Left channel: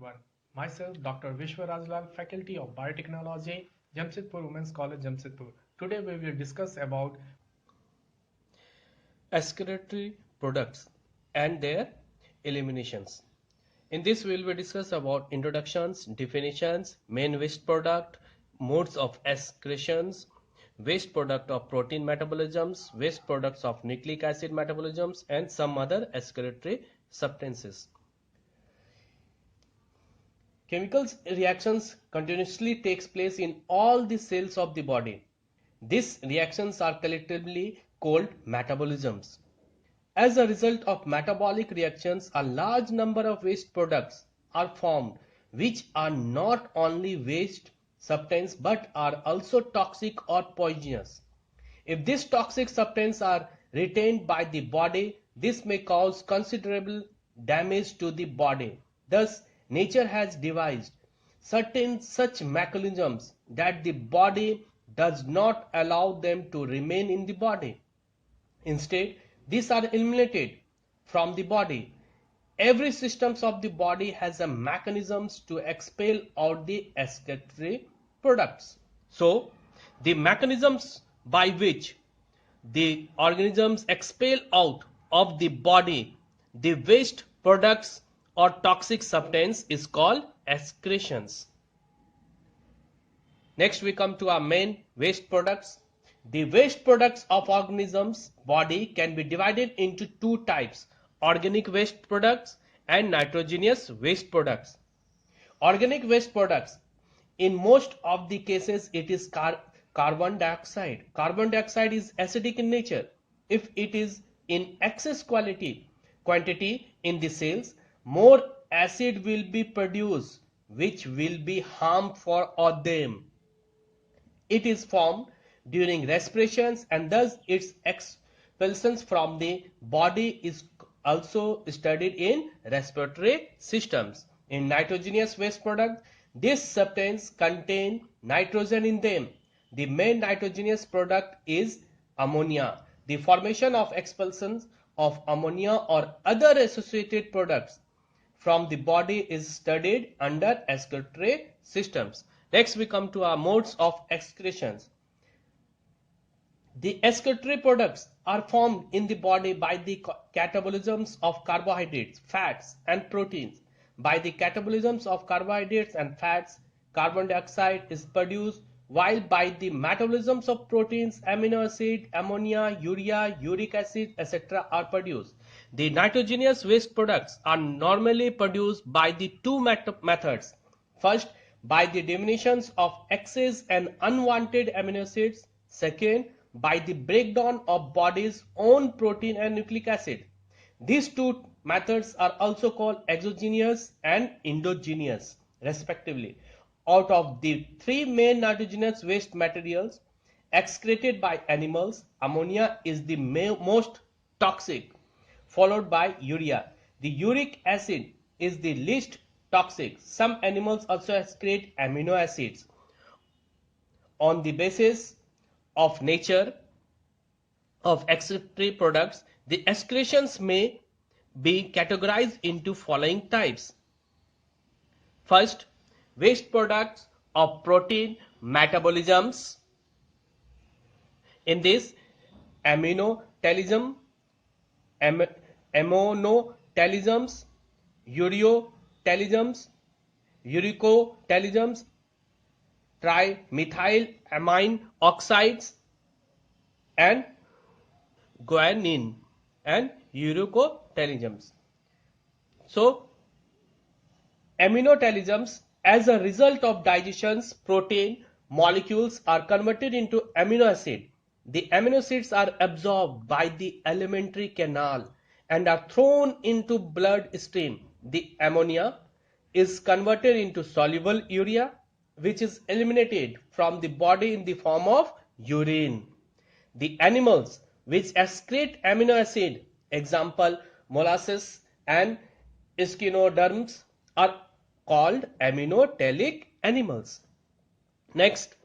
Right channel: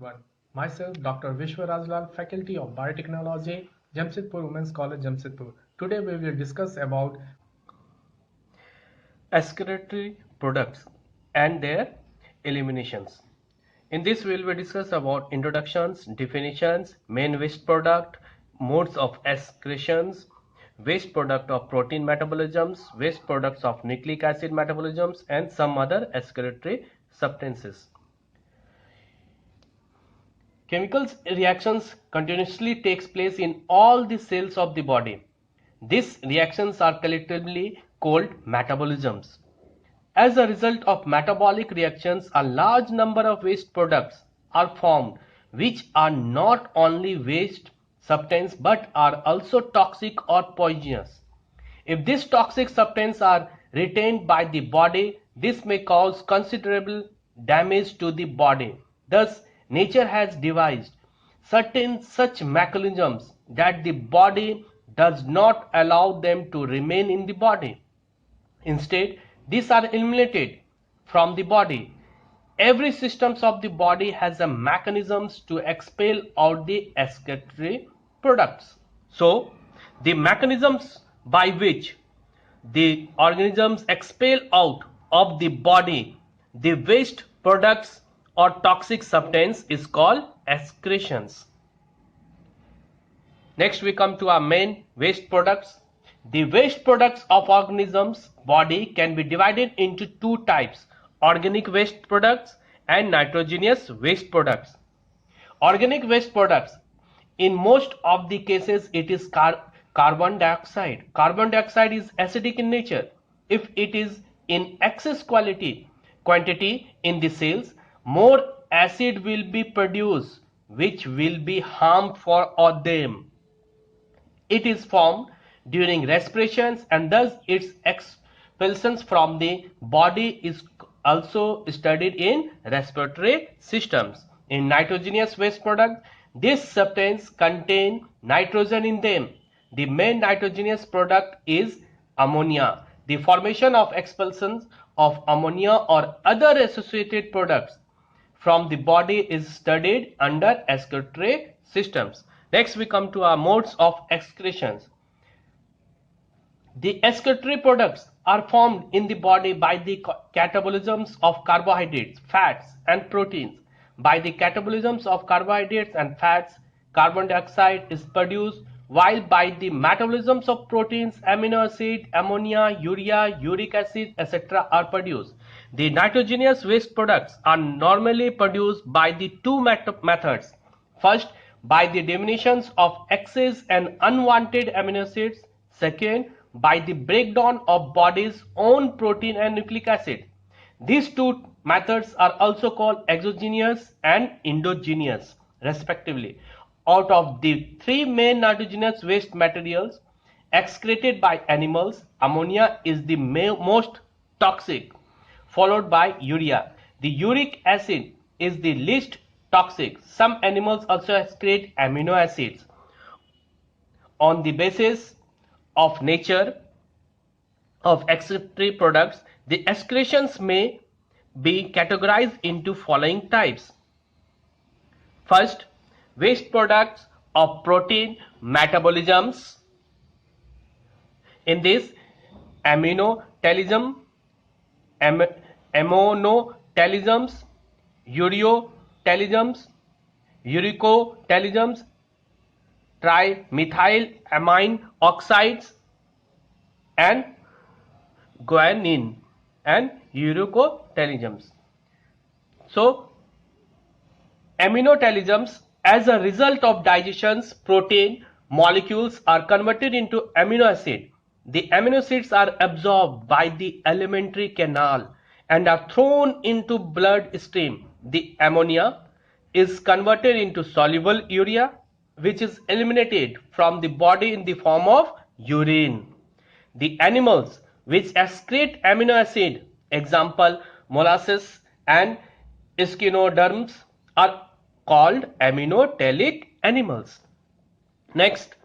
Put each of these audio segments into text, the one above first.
everyone. Myself, Dr. Vishwa Raj Lal, Faculty of Biotechnology, Jamshedpur Women's College, Jamshedpur. Today we will discuss about excretory products and their eliminations. In this we will discuss about introductions, definitions, main waste product, modes of excretions, waste product of protein metabolisms, waste products of nucleic acid metabolisms, and some other excretory substances. Chemical reactions continuously takes place in all the cells of the body. These reactions are collectively called metabolisms. As a result of metabolic reactions, a large number of waste products are formed, which are not only waste substances but are also toxic or poisonous. If these toxic substances are retained by the body, this may cause considerable damage to the body. Thus, nature has devised certain such mechanisms that the body does not allow them to remain in the body. Instead, these are eliminated from the body. Every system of the body has a mechanisms to expel out the excretory products. So, the mechanisms by which the organisms expel out of the body the waste products or toxic substance is called excretions. Next we come to our main waste products. The waste products of organisms body can be divided into two types: organic waste products and nitrogenous waste products. Organic waste products, in most of the cases it is carbon dioxide. Carbon dioxide is acidic in nature. If it is in excess quantity in the cells, more acid will be produced which will be harmful for them. It is formed during respirations and thus its expulsion from the body is also studied in respiratory systems. In nitrogenous waste product, these substances contain nitrogen in them. The main nitrogenous product is ammonia. The formation of expulsions of ammonia or other associated products from the body is studied under excretory systems. Next we come to our modes of excretions. The excretory products are formed in the body by the catabolisms of carbohydrates, fats and proteins. By the catabolisms of carbohydrates and fats, carbon dioxide is produced, while by the metabolisms of proteins, amino acid, ammonia, urea, uric acid, etc. are produced. The nitrogenous waste products are normally produced by the two methods. First, by the eliminations of excess and unwanted amino acids. Second, by the breakdown of body's own protein and nucleic acid. These two methods are also called exogenous and endogenous respectively. Out of the three main nitrogenous waste materials excreted by animals, ammonia is the most toxic, followed by urea. The uric acid is the least toxic. Some animals also excrete amino acids. On the basis of nature of excretory products, the excretions may be categorized into following types. First, waste products of protein metabolisms. In this, ammonotelism, ammonotelisms, ureotelisms, uricotelisms, trimethylamine oxides, and guanine and uricotelisms. So, ammonotelisms, as a result of digestions, protein molecules are converted into amino acid. The amino acids are absorbed by the alimentary canal and are thrown into blood stream. The ammonia is converted into soluble urea, which is eliminated from the body in the form of urine. The animals which excrete amino acid, example molluscs and echinoderms, are called ammonotelic animals. Next,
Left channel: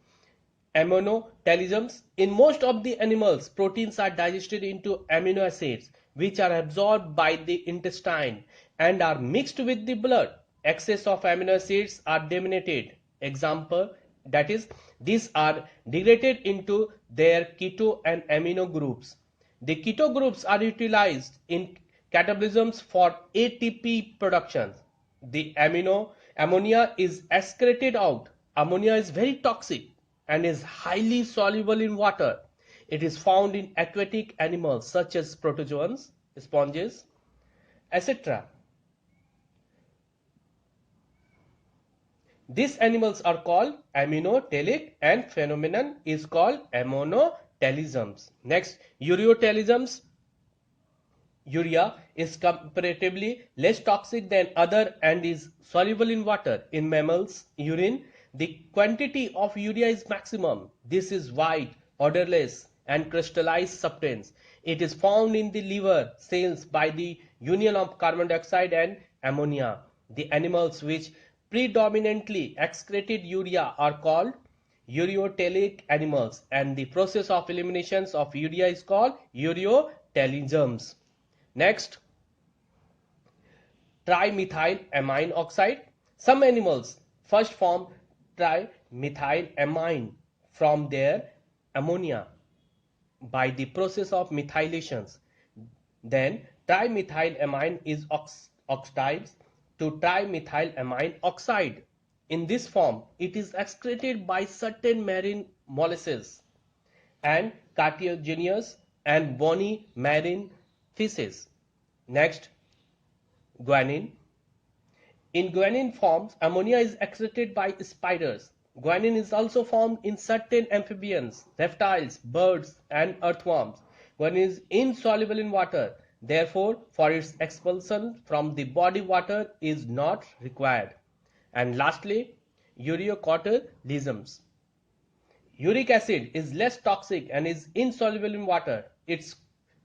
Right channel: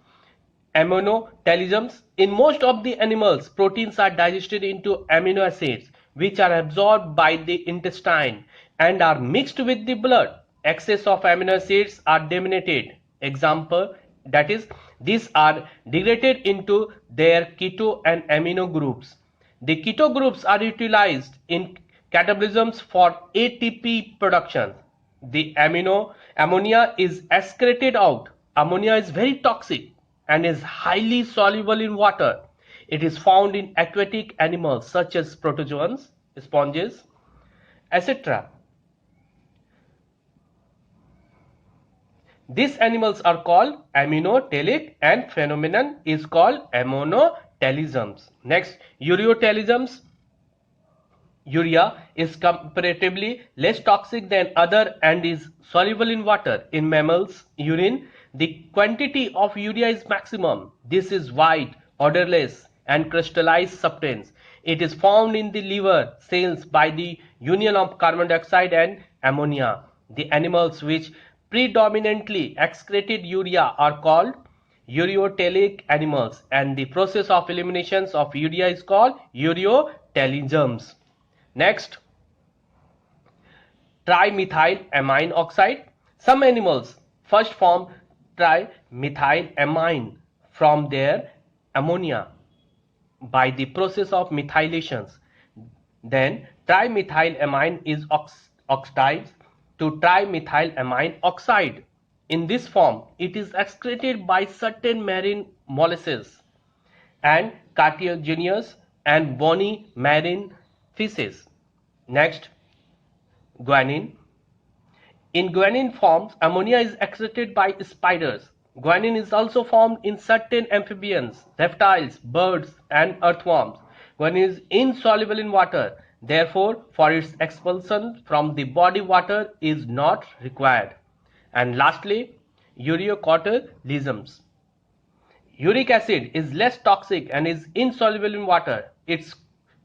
ammonotelisms. In most of the animals, proteins are digested into amino acids which are absorbed by the intestine and are mixed with the blood. excess of amino acids are eliminated. Example, that is, these are degraded into their keto and amino groups. The keto groups are utilized in catabolisms for ATP production. The ammonia is excreted out. Ammonia is very toxic and is highly soluble in water. It is found in aquatic animals such as protozoans, sponges, etc. These animals are called aminotelic and phenomenon is called ammonotelisms. Next, ureotelisms. Urea is comparatively less toxic than other and is soluble in water. In mammals urine, the quantity of urea is maximum. This is white, odorless and crystallized substance. It is found in the liver cells by the union of carbon dioxide and ammonia. The animals which predominantly excreted urea are called ureotelic animals, and the process of elimination of urea is called ureotelisms. Next, trimethylamine oxide. Some animals first form trimethylamine from their ammonia by the process of methylations. Then trimethylamine is oxidized to trimethylamine oxide. In this form, it is excreted by certain marine molluscs and cartilaginous and bony marine fishes. Next, guanine. In guanine forms, ammonia is excreted by spiders. Guanine is also formed in certain amphibians, reptiles, birds and earthworms. Guanine is insoluble in water. Therefore, for its expulsion from the body, water is not required. And lastly, ureocortilisms. Uric acid is less toxic and is insoluble in water. Its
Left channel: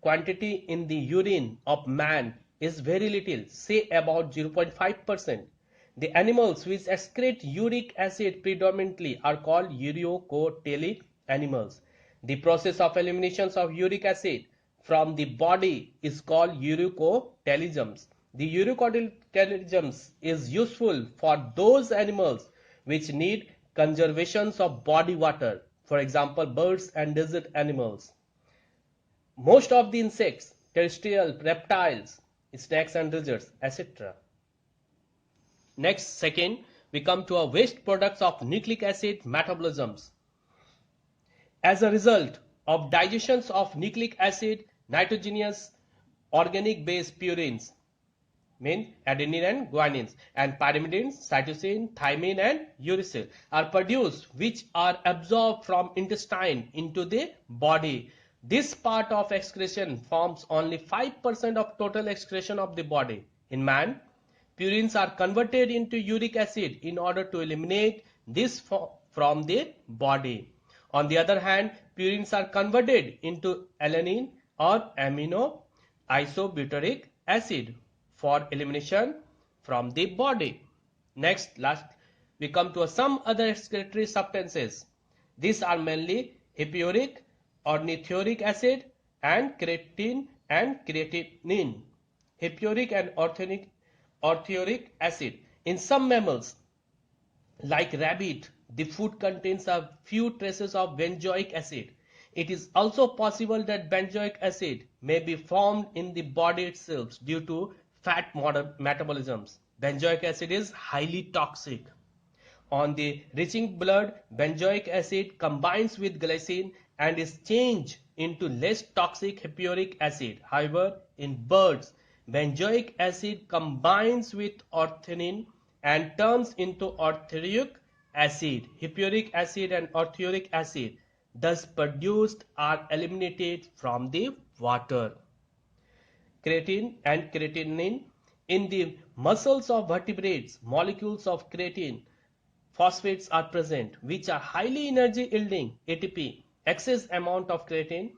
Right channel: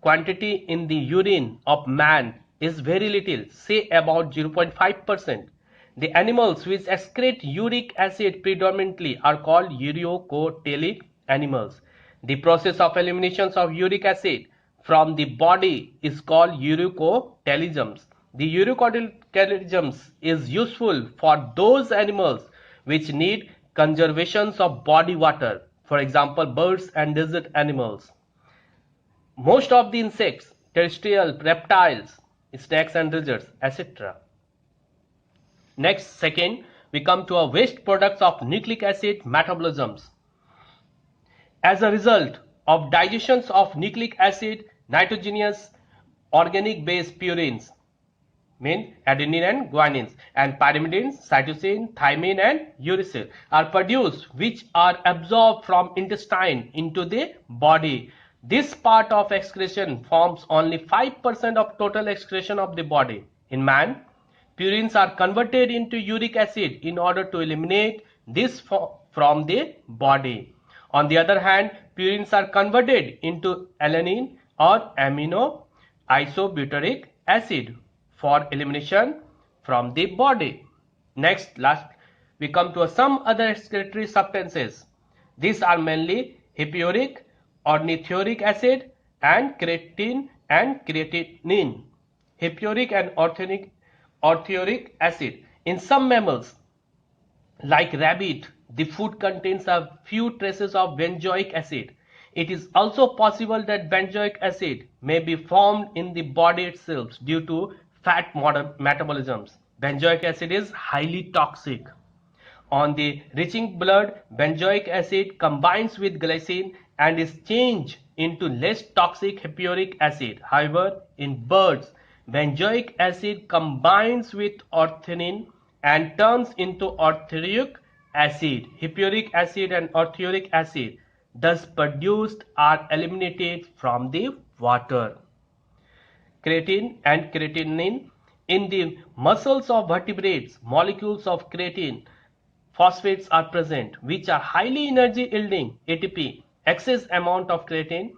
quantity in the urine of man is very little, say about 0.5%. The animals which excrete uric acid predominantly are called ureocotelic animals. The process of elimination of uric acid from the body is called ureocotelisms. The ureocotelisms is useful for those animals which need conservation of body water, for example birds and desert animals. Most of the insects, terrestrial, reptiles, snakes and lizards, etc. Next, second, we come to our waste products of nucleic acid metabolisms. As a result of digestion of nucleic acid, nitrogenous organic base purines, mean adenine and guanines, and pyrimidines, cytosine, thymine and uracil are produced, which are absorbed from intestine into the body. This part of excretion forms only 5% of total excretion of the body. In man, purines are converted into uric acid in order to eliminate this from the body. On the other hand, purines are converted into alanine or amino isobutyric acid for elimination from the body. Next, last, we come to some other excretory substances. These are mainly hippuric, ornithuric acid and creatine and creatinine. Hippuric and ornithuric acid. In some mammals like rabbit, the food contains a few traces of benzoic acid. It is also possible that benzoic acid may be formed in the body itself due to fat metabolisms. Benzoic acid is highly toxic. On the reaching blood, benzoic acid combines with glycine and is changed into less toxic hippuric acid. However, in birds, benzoic acid combines with ornithine and turns into ornithuric acid. Hippuric acid and ornithuric acid thus produced are eliminated from the water. Creatine and creatinine. In the muscles of vertebrates, molecules of creatine phosphates are present, which are highly energy yielding ATP. Excess amount of creatine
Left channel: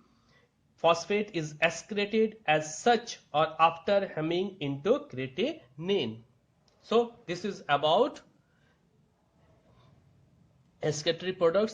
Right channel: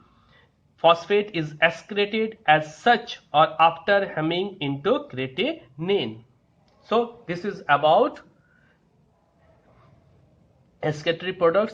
phosphate is excreted as such or after hemming into creatinine. So this is about excretory products.